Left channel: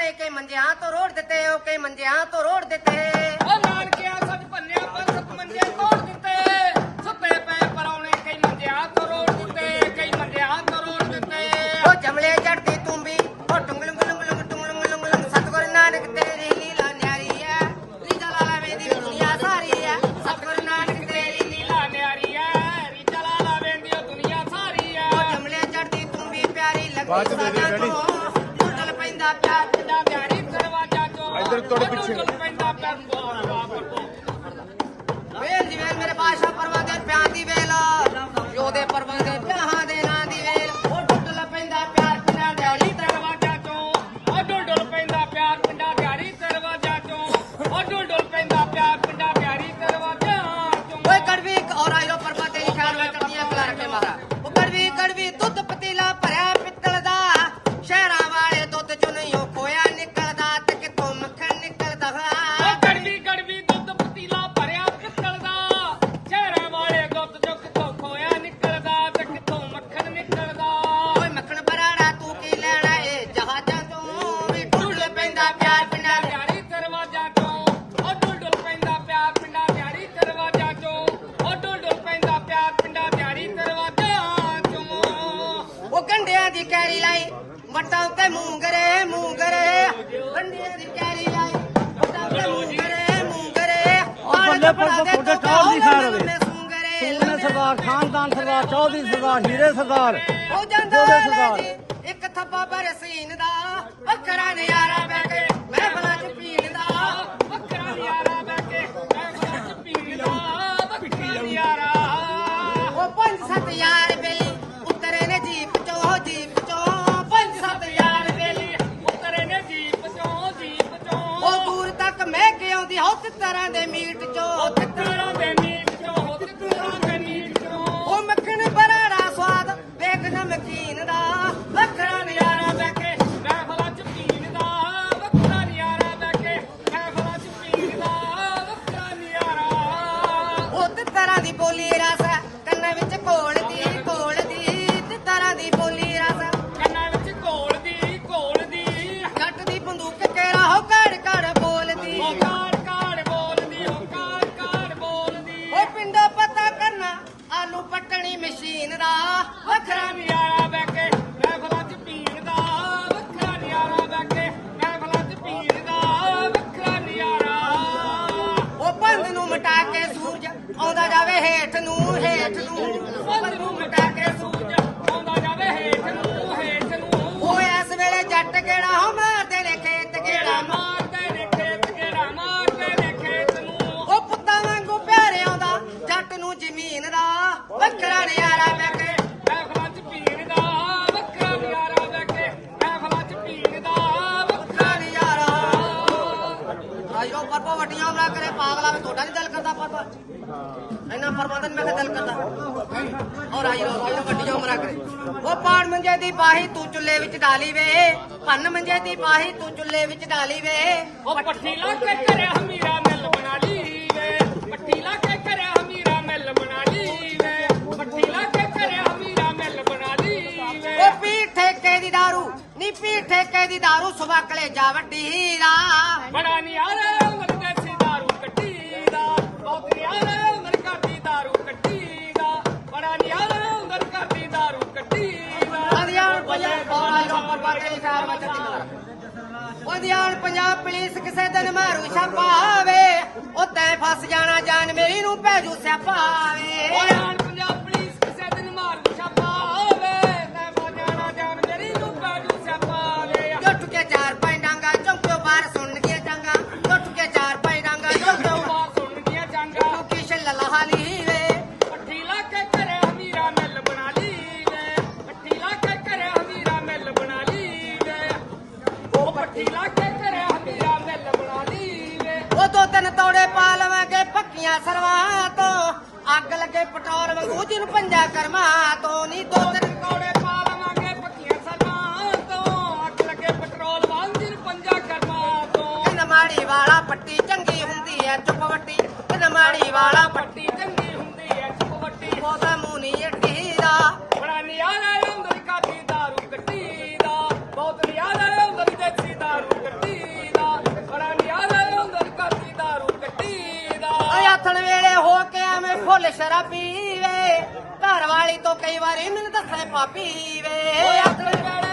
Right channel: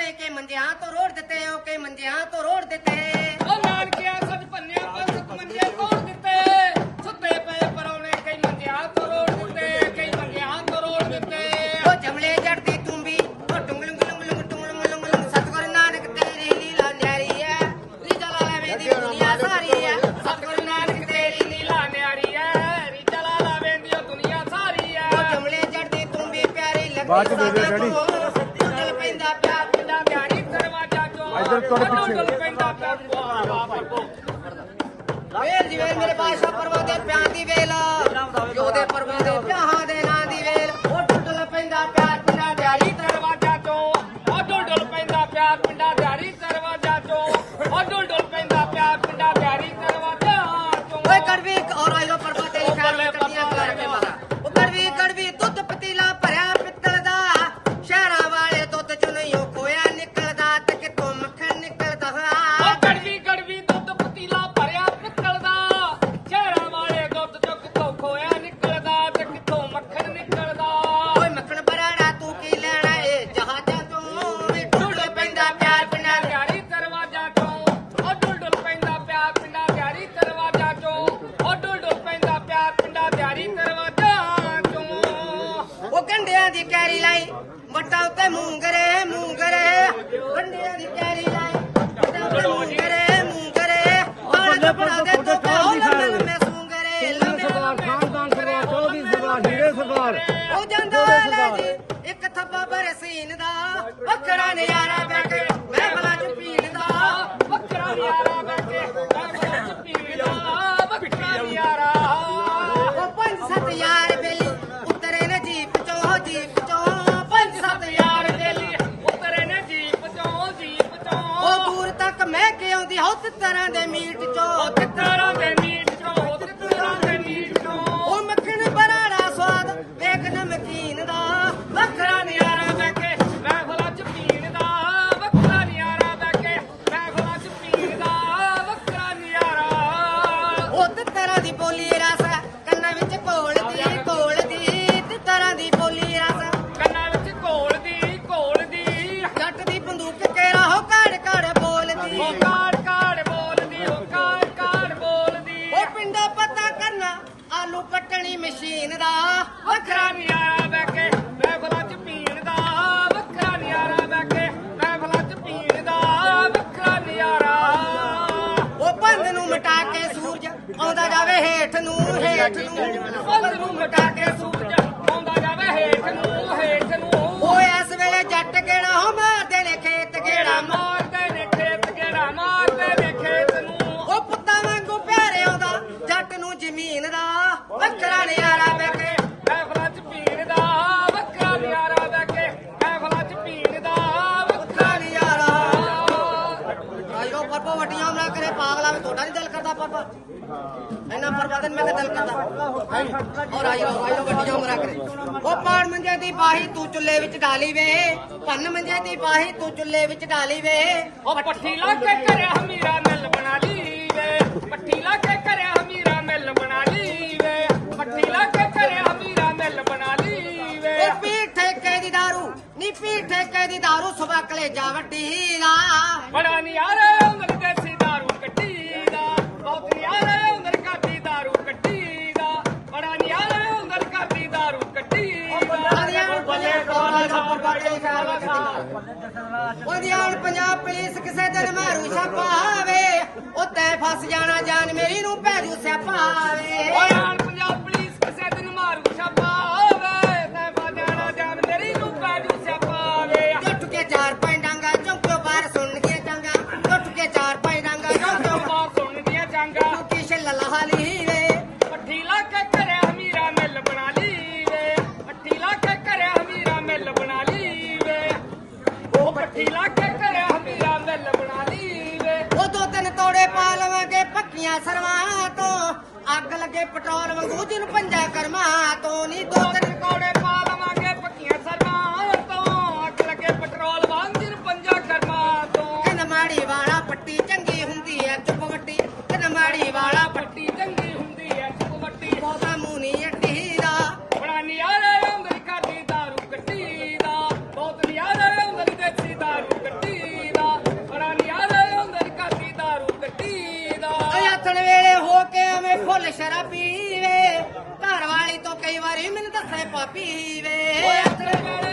ਪਰੌਣੇ ਕੇ ਮੰਜਿਆਂ ਤੋਂ ਰੋੜ ਦਿੱਤੇ ਉਹ ਕੇ ਮੰਜਿਆਂ ਤੋਂ ਰੋੜ ਦਿੱਤੇ। ਉਹ ਨਾਨਕਿਆ ਸੱਜ ਭੰਨਿਆ ਪੰਸਕ ਮੰਜੇ ਤੋੜ ਦਿੱਤੇ। ਸੁੱਤੇ ਪਏ ਪਰੌਣੇ ਕਈ ਮੰਜਿਆਂ ਤੋਂ ਰੋੜ ਦਿੱਤੇ ਕਈ ਮੰਜਿਆਂ ਤੋਂ ਰੋੜ ਦਿੱਤੇ। ਉਹ ਜਮਲੇ ਜੜਦੀ ਤੂੰ ਵੀ ਉਹ ਟੁੰਗਲੁੰਗ ਲੁੰਗ ਲੁੰਗ ਟੁੰਗਲੁੰਗ ਲੁੰਗ ਲੁੰਗ ਸਤਗੁਰ ਨਾਨਕ ਤੇਰੀ ਲੀਲਾ ਨਿਆਰੀ ਐ। ਲੀਲਾ ਲਾਲਾ ਵੇਦੀ ਦੁਨੀਆ ਸਾਰੀ ਐ। ਸਤਿਗੁਰੂ ਨਾਨਕ ਤੇਰੀ ਨੀਲਾ ਨਿਆਰੀ ਐ। ਰੀਚਾ ਲਾਲਾ ਵੇਂਦੀ ਦੁਨੀਆ ਸਾਰੀ ਐ। ਉਹ ਜਮਲੇ ਜੜਦੀ ਤੂੰ ਵੀ ਪਿਆਰੀ ਲੱਗਦੀ ਸਾਡਾ ਬਾਦਸ਼ਾਹ ਪਰਵਾਂ ਦੇ ਪਿਆਰ ਦੀ ਵੇਲ। ਯੋਦੇ ਪਰਵਾਂ ਵੱਟਾਂ ਤੇ ਮੂੰਗਰੇ ਮੂੰਗਰੇ। ਗੰਡਿਆਂ ਦੀ ਕੈਰੀ ਲਾਈ ਵੱਟਾਂ ਤੇ ਮੂੰਗਰੇ ਮੂੰਗਰੇ। ਆਲੇ ਕੱਪੜਾ ਦੇ ਤੋਂ ਕਿਆ ਹੋ ਲੰਮੇ ਮੈਂ ਸੂੰਗਰੇ। ਸਰਦਾਰ ਖਾਨਦਾਨ ਸਰਦਾਰ ਚੌਧਰੀ ਸਰਦਾਰ ਹੀਰੇ ਸਰਦਾਰ। ਉਹ ਜਾਂਦਾ ਲੈ ਜੀ ਇੱਕ ਥੱਬਾ ਪਰ ਸੀਨ ਦਾ ਵੱਖਰਾ ਨਜ਼ਾਰਾ ਮੈਂ ਕੇ ਤਰ੍ਹਾਂ ਦੇ ਮੀਟ ਉਹ ਚੋਂ ਤਿੱਤਰਾਂ ਦੇ ਮੀਟ ਹੇਠ ਨੂੰ ਹੇਠ ਨੂੰ। ਬੰਦ ਨੂੰ ਮਟਾ ਕੇ ਸੂਰਜ ਆਉਂਦਾ ਜਾਵੇ ਹੇਠ ਨੂੰ ਹੇਠ ਨੂੰ। ਉਹ ਇਸ ਵੇਲੇ ਜੱਟ ਕਿਹੜਾ ਹੋ? ਮਾਰਦੇ ਨੇ ਖੇਤ ਕਿਹੜਾ? ਮਾਰਦੇ ਨੇ ਖੇਤ ਗੇੜਾ ਮਾਰਦੇ ਨੇ ਖੇਤ ਨੂੰ? ਉਹ ਪੁੱਤਾਂ ਵਾਂਗੂ ਪਿਆਰੇ ਆਉਂਦਾ ਜੱਟ ਨੂੰ ਜ਼ਮੀਨ ਦਾ। ਵੱਖਰਾ ਨਿਆਰਾ ਵੇ ਕੇ। ਮਹਿਫਲਾਂ ਚ ਪੀਣ ਦਾ ਵੱਖਰਾ ਨਿਆਰਾ ਬਹਿ ਕੇ। ਮਹਿਫਲਾਂ ਚ ਪੀਣ ਦਾ ਵੱਖਰਾ ਨਿਆਰਾ। ਆਜੋ ਪਰਪਾ ਵਟੀਆਂ ਨਾ ਕਰੇ ਪਾਗਲਾ ਵੇ ਤੁਹਾਡਾ ਨਹੀਂ ਦਿਲ ਕਰਦਾ ਪਰਪਾ ਇਹਨਾਂ ਮੰਜੇ ਦੀ ਬਾਹੀ ਤੂੰ ਚੁੱਲੇ ਵਿੱਚ ਡਾਲੀ ਵੇ। ਪੰਨ ਮੰਜੇ ਦੀ ਬਾਹੀ ਤੂੰ ਚੁੱਲੇ ਵਿੱਚ ਡਾਲੀ ਵੇ। ਉਹ ਪੱਠੀ ਲਾ ਕੇ ਕਰਿਆ ਹਮੀਰਾ ਮਿਲ ਬਣਾ ਲਈ ਵੇ। ਪੱਠੀ ਲਾ ਕੇ ਕਰਿਆ ਹਮੀਰਾ ਮਿਲ ਬਣਾ ਲਈ ਵੇ। ਪੱਠੀ ਲਾ ਕੇ ਕਰਿਆ ਹਮੀਰਾ ਮਿਲ ਬਣਾ ਲਈ ਵੇ। ਉਹ ਪੀ ਠੇਕੇ ਦੀ ਦਾਰੂ ਨੀ ਪੀ ਠੇਕੇ ਦੀ ਦਾਰੂ ਸੁਬਾ ਕਲੇ ਜਾ ਵੱਡੀ ਹੀਰਾ। ਬੜਾ ਨਿਆਰਾ ਦਾਰੂ ਕੱਢੀ। ਦਾ ਬੱਲੇ ਕੋਲ ਖਬਰ ਬਾਟੇ ਉਹਦਿਆਣ ਪੰਜਾਬ ਪੁਲਿਸ ਕਿਸੇ ਦਿਨ ਮਾਰੂ ਛਾਪਾ ਆਵੇ ਉੱਤੇ ਫਸ ਜਾਣਾ ਜਾਨ ਮੇਰੀ ਨੂੰ ਭੈਜੂ ਸਿਆਪਾ ਆਵੇ। ਓਏ ਆਣ ਪੰਜਾਬ ਪੁਲਿਸ ਕਿਸੇ ਦਿਨ ਮਾਰੂ ਛਾਪਾ ਲਵਾਂਗੇ ਸਰਵਾਂ ਤੋਂ। ਅੱਗ ਲੱਗੇ ਪਟੋਰ ਵਾਂਗੂ, ਜਿਹਨੂੰ ਪੰਜਾ ਕਰਮਾ ਤੋਂ। ਨਹੀਂ ਦੋ ਤਿੰਨ ਕੌੜੇ ਪਾ ਲਵਾਂਗੇ ਪੱਕੀਆਂ ਸਰਵਾਂ ਤੋਂ। ਅੱਗ ਲੱਗੇ ਪੈਟਰੋਲ ਵਾਂਗ ਜਿਨ ਪੰਜਾ ਕਰਮਾ ਤੋਂ। ਕਹਿੰਦਾ ਮਾੜੀ ਵਾਲਾ ਪੱਟੀ ਚੰਗੀ ਹੁੰਦੀ ਐ, ਚੁੱਪ ਕਹਿੰਦਾ ਮਾੜੀ ਵਾਲਾ ਪੱਟੀ ਚੰਗੀ ਹੁੰਦੀ ਐ ਚੁਪਵੱਟੀ ਬਹੁਤਾ ਮੂੰਹ ਨਹੀਂ ਢੀਲਾ ਬੜਾ ਨਿਆਰੇ ਅੰਦਰ ਕਾਦੀ ਦਾਰੂ ਗੱਡੀ ਦਾ। ਬਹੁਤ ਨਿਆਰੇ ਹੋ ਕੇ ਐਵੇਂ ਫੁੱਲ ਸ਼ਰਾਬੀ ਵੇ ਘਰ ਵਾਲੀ ਤੋਂ ਕਈ ਵਾਰੀ ਮੈਨੂੰ ਦੱਸੇ ਪਾਪੀ ਵੇ ਓਏ ਆਖਰ ਵੇਲੇ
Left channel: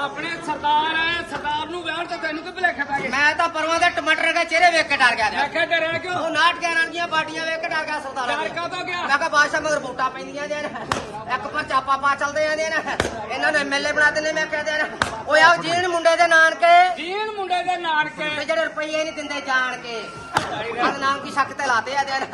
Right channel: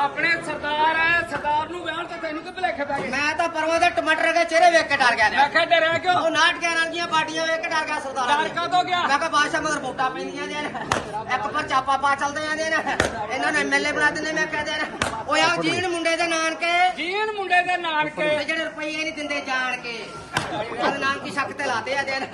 ਆਪਣੇ ਸਰਦਾਰ ਐ ਸਰਦਾਰ ਨੂੰ ਵਿਆਹ ਤਾਂ ਤੈਨੂੰ ਕਿ ਭਲੇਖੇ ਪੈ ਗਏ? ਮੈਂ ਤਾਂ ਪਰਵਾਂ ਦੇ ਟਮਾਟਰ ਦੇ ਚਿਹਰੇ ਵੇਖ ਕੇ ਡਰ ਗਿਆ ਮੈਂ ਕਿਹਾ ਡਰਿਆ ਕਿਉਂ? ਉਹ ਨਾਟ ਗਿਆ ਨਾਲ ਦੀਆਂ ਬਾਡੀਆਂ ਵੇਖ ਕੇ ਡਰ ਗਿਆ ਸਰਦਾਰ ਡਰ ਕਾ ਤੋਂ ਗਿਆ? ਮੈਂ ਕਿਹਾ ਬਾਦਸ਼ਾਹ ਮਗਰ ਵੋਟਾਂ ਪੈਂਦੀਆਂ ਨੇ। ਇੱਕ ਪਰਚਾ ਪਾਪਾ ਚੱਲਦੇ ਜਾਂਦੇ ਨੇ। ਇਹਨਾਂ ਨੇ ਐਮਐਲਏ ਬਣਾ ਦਿੰਦੇ ਮੈਂ ਕਹਦੇ ਨੇ ਓਏ ਆਓ ਜੀਣ ਮੁੰਡੇ ਦੇ ਨਾਨਕੇ। ਜੀਨ ਮੁੰਡੇ ਦੇ ਨਾਨਕੇ। ਜਿਹੜੇ ਰੁਪਈਏ ਨਹੀਂ ਦਿੰਦੇ ਜਾਣ ਕੇ। ਉਹਦੇ ਨਾਮ ਕੀ ਸ਼ੱਕ ਤੇ ਲਾਤੇ ਆ ਦੇਨ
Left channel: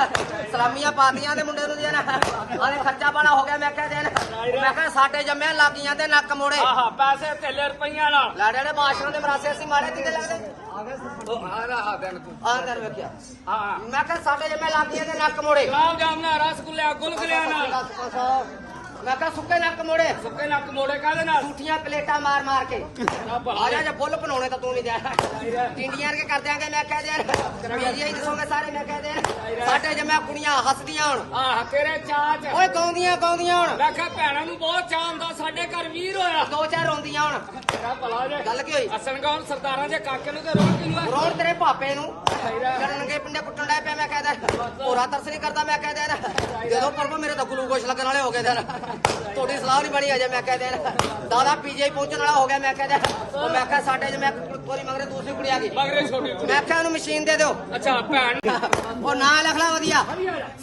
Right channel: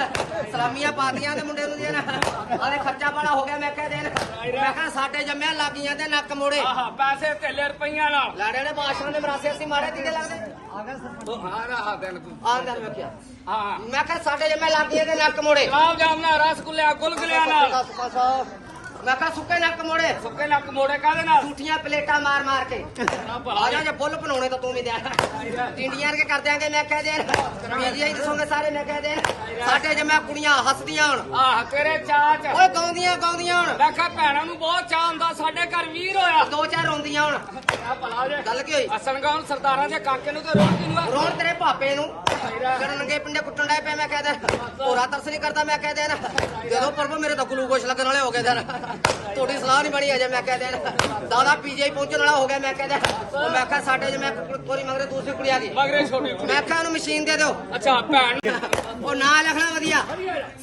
ਸਲਾਮੀਆਂ ਪਾਤੀਆਂ ਦੇ ਮੁੰਡੇ ਨੂੰ ਦੇਨ ਉਹਦੇ ਖਰਚਾ ਬੜਾ ਹੋ ਗਿਆ ਮੈਂ ਕਿਹਾ ਦੇਨ ਮੈਂ ਕਿਹਾ ਸਾਡੇ ਜੰਮਿਆ ਲਾਗੀਆਂ ਤੇ ਨੱਕ ਮੋੜੇ। ਆਹਾ ਪੈਸੇ ਤੇਲੇ ਰੁਪਈਆਂ ਨਾਲ। ਲਾੜੇ ਨੇ ਬਾਦਸ਼ਾਹ ਦੇ ਮਰਾਸੇ ਅਸੀਂ ਮਾਰੇ ਕਿੰਨੇ ਲੱਗਦੇ? ਉਹ ਆ ਰਹਾ ਦਿਨ ਤੂੰ। ਆਹ ਦਰ ਵੇਖਿਆ ਹਾਂ। ਮੈਂ ਕਿਹਾ ਸਾਡੇ ਜੰਮਿਆ ਲਾਗੀਆਂ ਤੇ ਨੱਕ ਮੋੜੇ। ਗੁਲਾਬ ਜਾਮਨਾ ਰਸਗੁੱਲੇ ਗੁਲਗੁਲਿਆਂ ਨਾਲ। ਮੈਂ ਕਿਹਾ ਸੁੱਕੇ ਨੱਕ ਮੋੜੇ। ਸੁੱਕੇ ਨੱਕ ਮੋੜੇ ਕਾਹਦੇ ਨਾਲ? ਝੂਠੀਆਂ ਪਲੇਟਾਂ ਮਾਰ ਮਾਰ ਕੇ। ਨਾ ਆ ਜਾ ਜੇ ਬੁੱਲ ਬਣਾਉਣੇ ਤਾਂ ਤੂੰ ਵੀ ਜਾ। ਇੰਡੀਆਂ ਕੇ ਕਰ ਦਿਆਂਗੇ ਮੈਂ ਕਹਿ ਦੇ ਇੰਡੀਆ ਹੀ ਦੱਸੋਗੇ ਸਾਰੇ ਮੈਂ ਕਹਿ ਦੇ ਸਾਡੇ ਜਮਾ ਕੁੜੀਆਂ ਹੱਸਦੀਆਂ ਹੁਣ। ਆਹ ਤੇਰੇ ਚਾਚ ਓਏ ਗਾਉਂਦੀਆਂ ਗਾਉਂਦੀਆਂ ਹੁਣ। ਮੈਂ ਕਿਹਾ ਭੈਣਾਂ ਨੂੰ ਬਹੁਤ ਚਾਹ ਹੁੰਦਾ ਸਾਡੇ ਘਰ ਵੀਰ ਹੋਇਆ। ਦੋ ਚਾਰ ਰੋਂਦੀਆਂ ਹੁਣ। ਤੇਰਾ ਭਲਾ ਜੇ ਗੱਲ ਕੀ ਹੋਈ? ਅਸਨ ਗਾਉਂ ਸਰਦਾਰਾਂ ਦੇ ਕਾਕੇ ਨੂੰ ਤਾਂ ਰੋਣ ਕਿਨੂੰ ਆ? ਰੋਣ ਤੇਰੇ ਭਾਪੇ ਨੂੰ। ਸਹੀਰਾ ਕਰਨ ਨੰਗੇ ਪਿੰਡੇ ਕੁੱਟਣ ਡੈ ਪਿਆ ਮੈਂ ਕਹਿ ਦੇ ਹੋਰਾ ਤਰਸ ਨਹੀਂ ਕਰਦਾ ਮੈਂ ਕਹਿ ਦੇ ਦੇ ਦੋ ਪ੍ਰਭੂ ਮੇਰੇ ਤਾਂ ਗਲੂਕੋਸ਼ ਲੱਗਣ ਵਾਲੇ ਹੋ ਗਏ ਸਰ ਤੁਹਾਡੀ ਸਲਾਹ ਨਹੀਂ ਬਣੀ ਅਜੇ ਮੈਂ ਕਹਿ ਦੇ ਦਾਦਾ ਪੀਜੀਆਈ ਪਹੁੰਚਣ ਵਾਲਾ ਹੋ ਗਿਆ ਮੈਂ ਕਹਿ ਦੇ ਉਹ ਮੈਂ ਕਿਹਾ ਸਾਡੇ ਜੇ ਮੈਂ ਕੋਰੀ ਮਗਰੇ ਦੂਸਰੀ ਕੁੜੀ ਆ ਗਈ। ਮਗਰੇ ਛੋਟੀ ਕੁੜੀ। ਮੈਂ ਕਿਹਾ ਉਹਨੂੰ ਮਸ਼ੀਨ ਦੇ ਦਿਓ। ਅੱਛਾ ਭੈਣ। ਉਹ ਨਾਂ ਲਿਖ ਲੈ ਵਧੀਆ।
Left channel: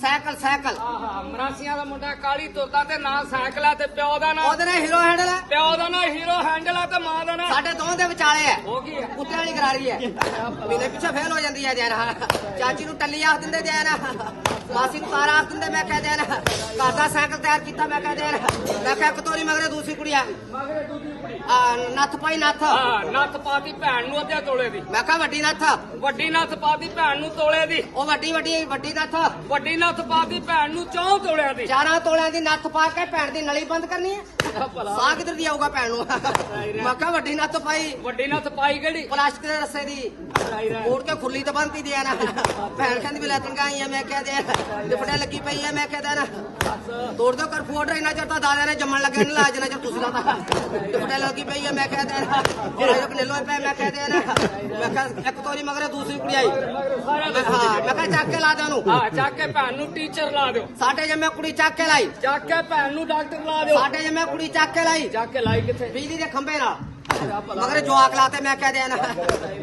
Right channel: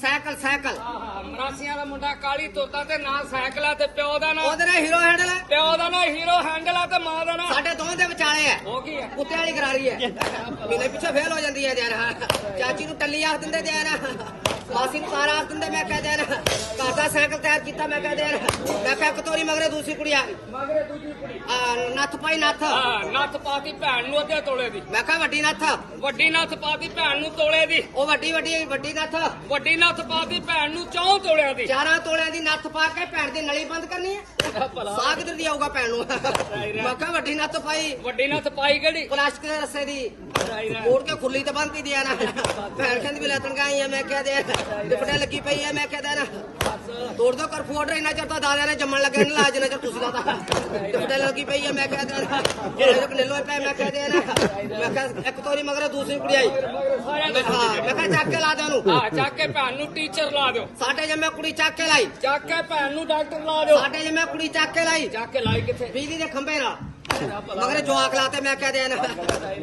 Cycle cycle. ਆਹਾ ਮਰਾਸੀਆਂ ਦਾ ਮੁੰਡਾ ਕਾਲੀ ਤੋਤਾ ਤੇ ਨਾਂ ਸਾਈਕਲ ਆ ਤੇ ਪਿਓ ਦਾ ਨਾਂ। ਉਹਦੇ ਨਾਲ ਹੀਰੋ ਹੈਂਡਲ ਹੈ ਪਿਓ ਦਾ ਨਾਂ ਹੀਰੋ ਹੈਂਡਲ ਆ ਤੇ ਮਾਂ ਦਾ ਨਾਂ। ਸਾਡੇ ਦੋਵਾਂ ਦੇ ਵਿਚਾਲੇ ਹੈ ਹੋ ਕੀ ਆ। ਕੁੱਤੇ ਵਾਲੀ ਕਰਾਰੀ ਹੈ ਮੇਰੇ ਪਿੱਛੇ ਫੇਲ ਹੋ ਜਾਂਦੀ ਹੈ ਜੈਨ ਚਾਚੀ ਨੂੰ ਟੱਲੀ ਆਖ ਦਿੰਦੇ ਜੈਨ ਮਾਸੀ ਨੂੰ ਤਾਰਾ ਆਖ ਦਿੰਦੇ ਮੈਂ ਕਹਿ ਦੇਨ ਘਰ ਦਾ ਸਾਈਕਲ ਤਿਆਰ ਕੀਤਾ ਮੈਂ ਕਹਿ ਦੇਨ ਮੈਂ ਕਿਹਾ ਕਤੋਰੀ ਮਗਰੇ ਦੂਸਰੀ ਕੁੜੀ ਆ। ਗਈ ਮਗਰੇ ਦੂਜੀ ਕੁੜੀ? ਆ ਨੱਥ ਪਾਈ ਨੱਥ। ਹਾਂ ਨੱਥ ਪਾਤੀ ਭੈਣ ਨੂੰ ਅੱਧੇ ਤੋਲੇ ਦੀ। ਮੈਂ ਕਿਹਾ ਵੱਡੀ ਨੱਥ। ਵੱਡੀ ਨੱਥ ਪਾਤੀ ਭੈਣ ਨੂੰ ਤੋਲੇ ਦੀ। ਉਹ ਵੱਡੀ ਵੱਡੀ ਵੱਡੀ ਨੱਥ। ਵੱਡੀ ਨੱਥ ਪਾਤੀ ਭੈਣ ਨੂੰ ਚੌਂ ਤੋਲਿਆਂ ਦੀ। 11 ਤੋਲਿਆਂ ਦੀ ਨੱਥ ਪਾ ਕੇ ਭੈਣ ਦੀ ਨਲੀ ਬੰਦ ਕਰਨੀ ਹੈ ਸਾਹ ਕਿੱਧਰ ਦੀ ਆਊਗਾ ਭੈਣ ਨੂੰ? ਮੈਂ ਕਿਹਾ ਵੱਡੀ ਨੱਥ ਪਾਈ। ਵੱਡੀ ਨੱਥ ਪਾਈ ਕਿਹੜੀ? ਪਲਾਸਟਿਕ ਦੇ ਰੱਸੇ ਦੀ। ਕੋੜ ਕੇ ਖੁੱਲੀ ਤਾਂ ਬੰਨਤੀ ਦੀ ਆ ਨਾ। ਭੈਣ ਕਹਿੰਦੀ ਵੀ ਲੱਤਨ ਗਾਈ ਆ ਮੈਂ ਕਹਿ ਦੇ ਦੁਪਟੇ ਲੱਗੀ ਪਈ ਆ ਮੈਂ ਕਹਿ ਨਾ ਤੋੜ ਦੋ ਕਰ ਫੋੜ ਇਹਨਾਂ ਚਿਰ ਤਾਂ ਦਾਦਿਆਂ ਨੇ ਜੰਮਣ ਲੱਗੇ ਨਾ ਲਾਜ ਨਾ ਚਿਰ ਤੁਸੀਂ ਲਾਤਾ। ਦੁਪਟੇ ਲੱਗੀ ਪਈ ਆ ਮੈਂ ਕਹਿ ਦੇ ਜਿਹੜਾ ਜੋ ਕਨੇਲੋ ਪੈ ਮੈਂ ਕਹਿ ਦੇ ਨਾ ਮੈਂ ਕਿਹਾ ਇੱਕ ਤੋਰੀ ਮਗਰੇ ਦੂਸਰੀ ਕੁੜੀ ਆਈ। ਮੈਂ ਕਿਹਾ ਚੱਕ ਕੇ ਲਾ ਦੇ ਉਹਨੂੰ। ਹਾਂ ਚੱਕ ਕੇ ਭੈਣ ਨੂੰ ਟੀਚਰ ਲਾ ਦਿਓ। ਸਾਡੇ ਜੰਮੇ ਕੁੜੀ ਚੱਕ ਕੇ ਲਾਈ। ਚੱਕ ਕੇ ਭੈਣ ਨੂੰ ਡਾਕਟਰ ਲਾ ਦਿਓ। ਸਾਡੇ ਜੰਮੇ ਕੁੜੀ ਚੱਕ ਕੇ ਲਾਈ। ਚੱਕ ਕੇ ਲਾਈ ਕਿੱਥੇ? ਬਿਜਲੀ ਦੇ ਖੰਭੇ ਨਾਲ। ਮਗਰ ਜਵਾਕ ਲਾਤੇ ਮੈਂ ਕਹਿ ਦੇ ਨਾ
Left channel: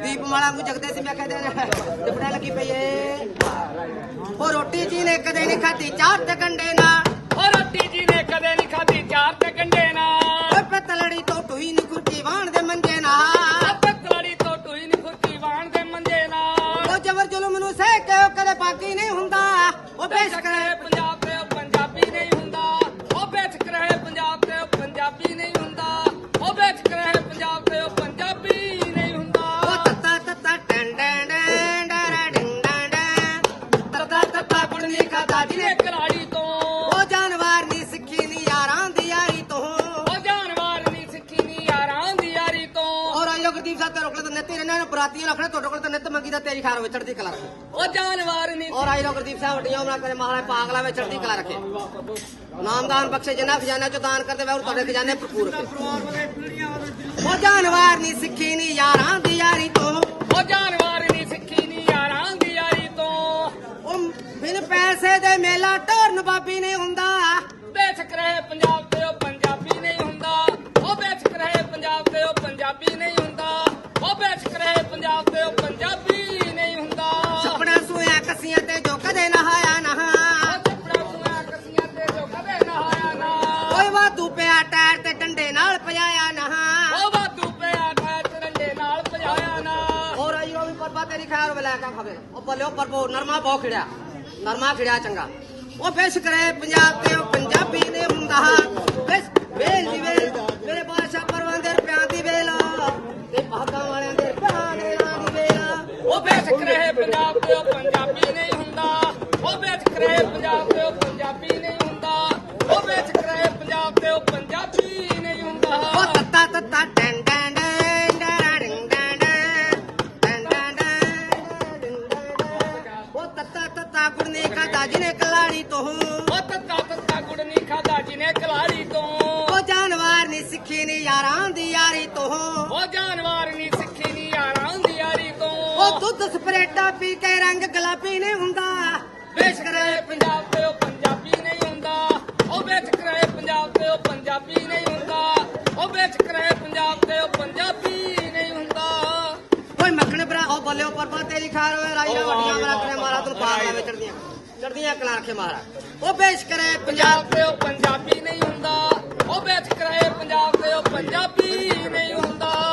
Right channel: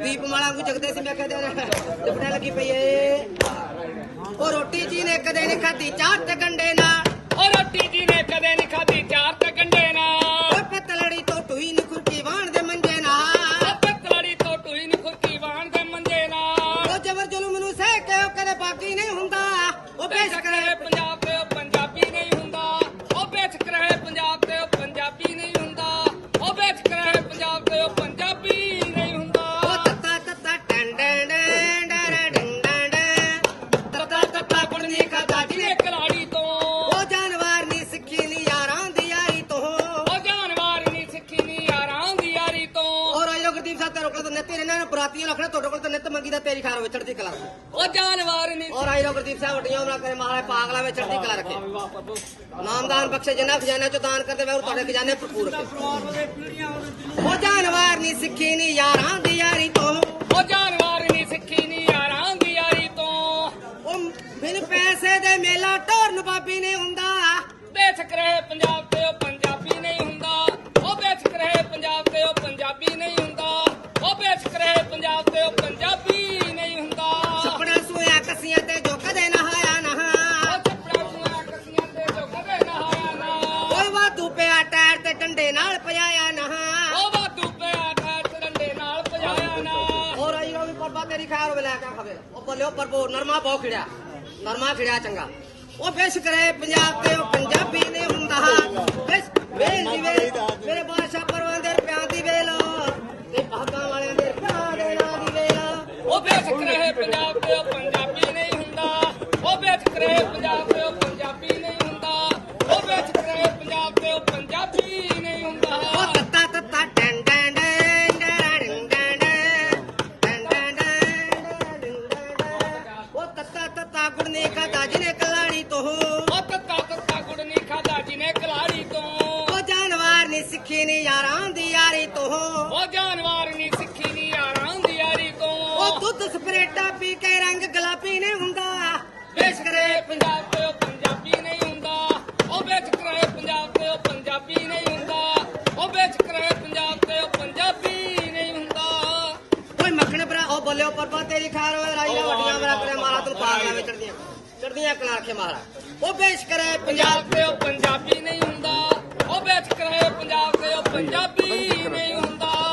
ਦੀਪ ਮਾਲਾ ਨੂੰ ਜਗਦੇ ਸੀ ਮੈਂ ਕਹਿ ਦੇ ਨਾ ਦੁਪਟੇ ਲੱਗੀ ਪਈ ਏ ਉਹ ਰੋਟੀ ਜੀ ਨੇ ਕਦੇ ਨਹੀਂ ਖਾਧੀ ਚਾਰ ਗੰਡੇ ਨਾਲ। ਉਹ ਰੋਟੀ ਜੀ ਨੇ ਕਦੇ ਨਹੀਂ ਖਾਧੀ ਚਾਰ ਤੇ ਕੰਡੇ ਨਾਲ। ਓਏ ਪਤਲੜੀ ਤੋਂ ਟੂਈ ਨੂੰ ਕੁਰਕੀ ਵਾਣ ਦੇ ਮੰਜੇ ਨਾਲ। ਉਹ ਪਤਲੜੀ ਤੋਂ ਟੂਈ ਨੀ ਖੁਰਕੀ ਵਾਣ ਦੇ ਮੰਜੇ ਨਾਲ। ਉਹ ਜਬਰ ਜ਼ੁਲਮ ਨੂੰ ਸਹਿ ਕੇ ਉਹ ਕਦੇ ਬਾਕੀ ਨਹੀਂ ਹੁੰਦਾ। ਉਹ ਬੇਸ਼ੱਕ ਰਹੇ ਪੰਜਾਬ ਤੇ ਉਹ ਪੰਜਾਬੀ ਨਹੀਂ ਹੁੰਦਾ। ਉਹ ਬੇਸ਼ੱਕ ਰਹੇ ਪੰਜਾਬ ਤੇ ਉਹ ਪੰਜਾਬੀ ਨਹੀਂ ਹੁੰਦਾ। ਉਹ ਬੇਸ਼ੱਕ ਰਹੇ ਪੰਜਾਬ ਤੇ ਉਹ ਤੁਹਾਡੇ ਕੋਲ ਤਾਂ ਨਿੱਤ ਮੰਗੀ ਦਾ ਤੇਰੀ ਖਾਣ ਵਿੱਚ ਚੜਦੀ ਕਲਾ ਉਹ ਜਾਨਵਰ ਨਹੀਂ ਔਰ ਆਇਓ ਗੁਰਦੀਪ ਸਾਹਿਬ ਵੱਡੀਆਂ ਉਹਨਾਂ ਕਰੇ ਮਹਾਰਾਜ ਪਾਗਲਾ ਵਿੱਚ ਚੜਦੀ ਕਲਾ ਰੱਖੇ। ਨਾਮਦਾਨ ਬਖਸ਼ੇ ਜਿੰਨਾ ਖਜ਼ਾਨਾ ਚ ਦਾਨ ਕਰਦੇ ਵੇ ਉਹ ਤੁਹਾਡੇ ਖਜ਼ਾਨੇ ਭਰਪੂਰ ਰੱਖੇ। ਉਹ ਜਾਨਵਰ ਨਹੀਂ ਸਿੱਖੀ ਨਹੀਂ ਯਾਰਾਂ ਦੀ ਯਾਰੀ ਤੋਂ। ਉਹ ਜਾਨਵਰ ਨਹੀਂ ਸਿੱਖੀ ਨੀ ਯਾਰਾਂ ਦੀ ਯਾਰੀ ਤੋਂ। ਉਹ ਬਿਨ ਪੈਸੇ ਦੇ ਮੇਲਾ ਢੋਰਨ ਬਾਬੀ ਨਹੀਂ ਹੁੰਦਾ। ਬੇਸ਼ੱਕ ਰਹੇ ਪੰਜਾਬ ਤੇ ਉਹ ਪੰਜਾਬੀ ਨਹੀਂ ਹੁੰਦਾ। ਉਹ ਬੇਸ਼ੱਕ ਰਹੇ ਪੰਜਾਬ ਤੇ ਉਹ ਪੰਜਾਬੀ ਨਹੀਂ ਹੁੰਦਾ। ਉਹ ਬੇਸ਼ੱਕ ਰਹੇ ਪੰਜਾਬ ਤੇ ਉਹ ਪੰਜਾਬੀ ਨਹੀਂ ਹੁੰਦਾ। ਕੱਪੜਾ ਸੂਇਆ ਕੱਸੀਆਂ ਤੇ ਜੋ ਕਦੇ ਨਹਾਇਆ ਨਾ। ਉਹ ਚੱਪੜਾ ਸੁਆ ਕੱਸੀਆਂ ਤੇ ਜੋ ਕਦੇ ਨਹਾਇਆ ਨਾ। ਓਏ ਵਾਧੂ ਪਿਆ ਟਾਇਰ ਤੇ ਡੰਡੇ ਨਾਲ ਪਜਾਇਆ ਨਾ। ਉਹ ਵਾਧੂ ਪਿਆ ਟਾਇਰ ਚਰੰਡੇ ਨਾਲ ਭਜਾਇਆ ਨਾ। ਹੋਰ ਆਈ ਉਹ ਵੀ ਪਰਬਾ ਤੇਰੀ ਖੈਰ ਵੇ ਲੈ ਕੇ ਖਬਰ ਉਹ ਬੱਲੇ ਉਹ ਪਰਬੋ ਨਰਮਾ ਬਹੁ ਖਿੜਿਆ। ਨਰਮਾ ਖਿੜਿਆ ਚੰਗਾ। ਉਹ ਬੇਸ ਕਰੇ ਪੰਜਾਬ ਤੇ ਉਹ ਪੰਜਾਬੀ ਨਹੀਂ ਹੁੰਦਾ। ਬੇਸ ਵੇਲੀ ਵੇ ਮੇਰੇ ਬਾਦਸ਼ਾਹ ਪਰਵਾਂ ਦੇ ਰੁਪਿਆਂ ਦੀ ਵੇਲਾ। ਤੇ ਭਾਗਾਂ ਵਾਲਿਆਂ ਦੇ ਦੇ ਨਾਂ ਦੀ ਵੇਲਾ ਉਹ ਬੇਸ਼ੱਕ ਰਹੇ ਪੰਜਾਬ ਤੇ ਉਹ ਪੰਜਾਬੀ ਨਹੀਂ ਹੁੰਦਾ। ਉਹ ਬੇਸ਼ੱਕ ਰਹੇ ਪੰਜਾਬ ਤੇ ਉਹ ਪੰਜਾਬੀ ਨਹੀਂ ਹੁੰਦਾ। ਉਹ ਵੇਚ ਕਰੇ ਪੰਜਾਬ ਤੇ ਉਹ ਪੰਜਾਬੀ ਨਹੀਂ ਹੁੰਦਾ। ਉਹ ਤੱਤਾ ਤੱਤਾ ਟੈਂ ਟੈਂ ਡੈਂ ਡੈਂ ਡੈਂ ਟੈਂ ਟੈਂ ਟੈਂ ਉਹ ਤੱਤਾ ਤੱਤਾ ਗੁੜਨੇ ਖਾਦਾ ਜਿਹਨੇ ਕਲਾੜੀ ਤੋਂ। ਉਹ ਤੱਤਾ ਤੱਤਾ ਗੁੜ ਨਹੀਂ ਖਾਦਾ ਜਿਨੇ ਕਲਾੜੀ ਤੋਂ। ਉਹ ਜਾਨਵਰ ਨਹੀਂ ਸਿੱਖੀ ਨਹੀਂ ਯਾਰਾਂ ਦੀ ਯਾਰੀ ਤੋਂ। ਉਹ ਜਾਨਵਰ ਨਹੀਂ ਦੁੱਧ ਸਪਰੇਟਾ ਪੀ ਕੇ ਰੰਗ ਗੁਲਾਬੀ ਨਹੀਂ ਹੁੰਦਾ। ਵੇਚ ਕਰੇ ਪੰਜਾਬ ਤੇ ਉਹ ਪੰਜਾਬੀ ਨਹੀਂ ਹੁੰਦਾ। ਉਹ ਵੇਚ ਕਰੇ ਪੰਜਾਬ ਤੇ ਉਹ ਪੰਜਾਬੀ ਨਹੀਂ ਹੁੰਦਾ। ਉਹ ਵੇਚ ਕਰੇ ਪੰਜਾਬ ਤੇ ਉਹ ਪੰਜਾਬੀ ਨਹੀਂ ਹੁੰਦਾ। ਓਏ ਮੱਖਣ ਭਰਾ ਉਹ ਬੋਲਿਓ ਪਰਪਾ ਤੇਰੀ ਖਾਰ ਓਏ ਰਾਈ ਦਾ ਵੱਡੀਆਂ ਮੇਰਾ ਕਰੇ ਮਾਰਾ ਤੂੰ ਪਾਗਲਾਂ ਵਿੱਚ ਕਰਦੀਆਂ। ਕਰਦੀਆਂ ਕਲਾ ਕੇ ਮਾਰਾ। ਉਹ ਬੇਸ ਕਰੇ ਪੰਜਾਬ ਤੇ ਉਹ ਪੰਜਾਬੀ ਨਹੀਂ ਹੁੰਦਾ। ਉਹ ਵੇਚ ਕਰੇ ਪੰਜਾਬ ਤੇ ਉਹ ਪੰਜਾਬੀ ਨਹੀਂ ਹੁੰਦਾ।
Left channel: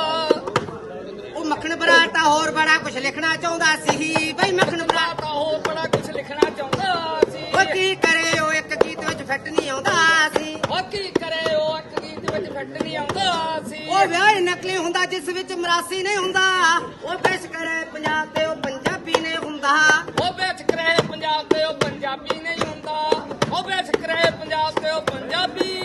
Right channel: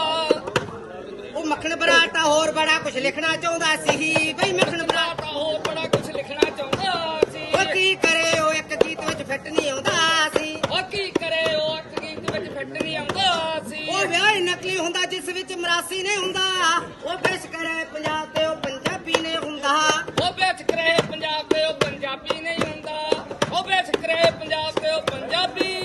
ਮੱਖਣ ਬਰਾਟਾ ਹੋਰ ਬੜਾ ਕੁਝ ਲਿਖਣਾ ਚਾਹੁੰਦਾ ਸੀ। ਬਈ ਮੱਖਣ ਬੜਾ ਬਰਾ ਤਾਂ ਹੋਰ ਬੜਾ ਕੁਝ ਲਿਖਣਾ ਚਾਹੁੰਦਾ ਸੀ। ਉਹ ਕੀ ਕਰੇ ਉਹ ਇੱਕ ਗੀਤ ਵਿੱਚ ਫਿੱਟ ਨਹੀਂ ਆਉਂਦਾ ਸੀ। ਉਹ ਕੀ ਕਰੇ ਉਹ ਇੱਕ ਗੀਤ ਵਿੱਚ ਫਿੱਟ ਨਹੀਂ ਆਉਂਦਾ ਸੀ। ਉਹ ਵਿਆਹ ਨਕਲੀ ਹੁੰਦਾ ਜਿਸ ਵਿੱਚ ਮਰਾਸੀ ਨਹੀਂ ਹੁੰਦਾ। ਉਹ ਬੇਸ ਕਰੇ ਪੰਜਾਬ ਤੇ ਉਹ ਪੰਜਾਬੀ ਨਹੀਂ ਹੁੰਦਾ। ਉਹ ਵੇਚ ਕਰੇ ਪੰਜਾਬ ਤੇ ਉਹ ਪੰਜਾਬੀ ਨਹੀਂ ਹੁੰਦਾ। ਉਹ ਵੇਚ ਕਰੇ ਪੰਜਾਬ ਤੇ ਉਹ ਪੰਜਾਬੀ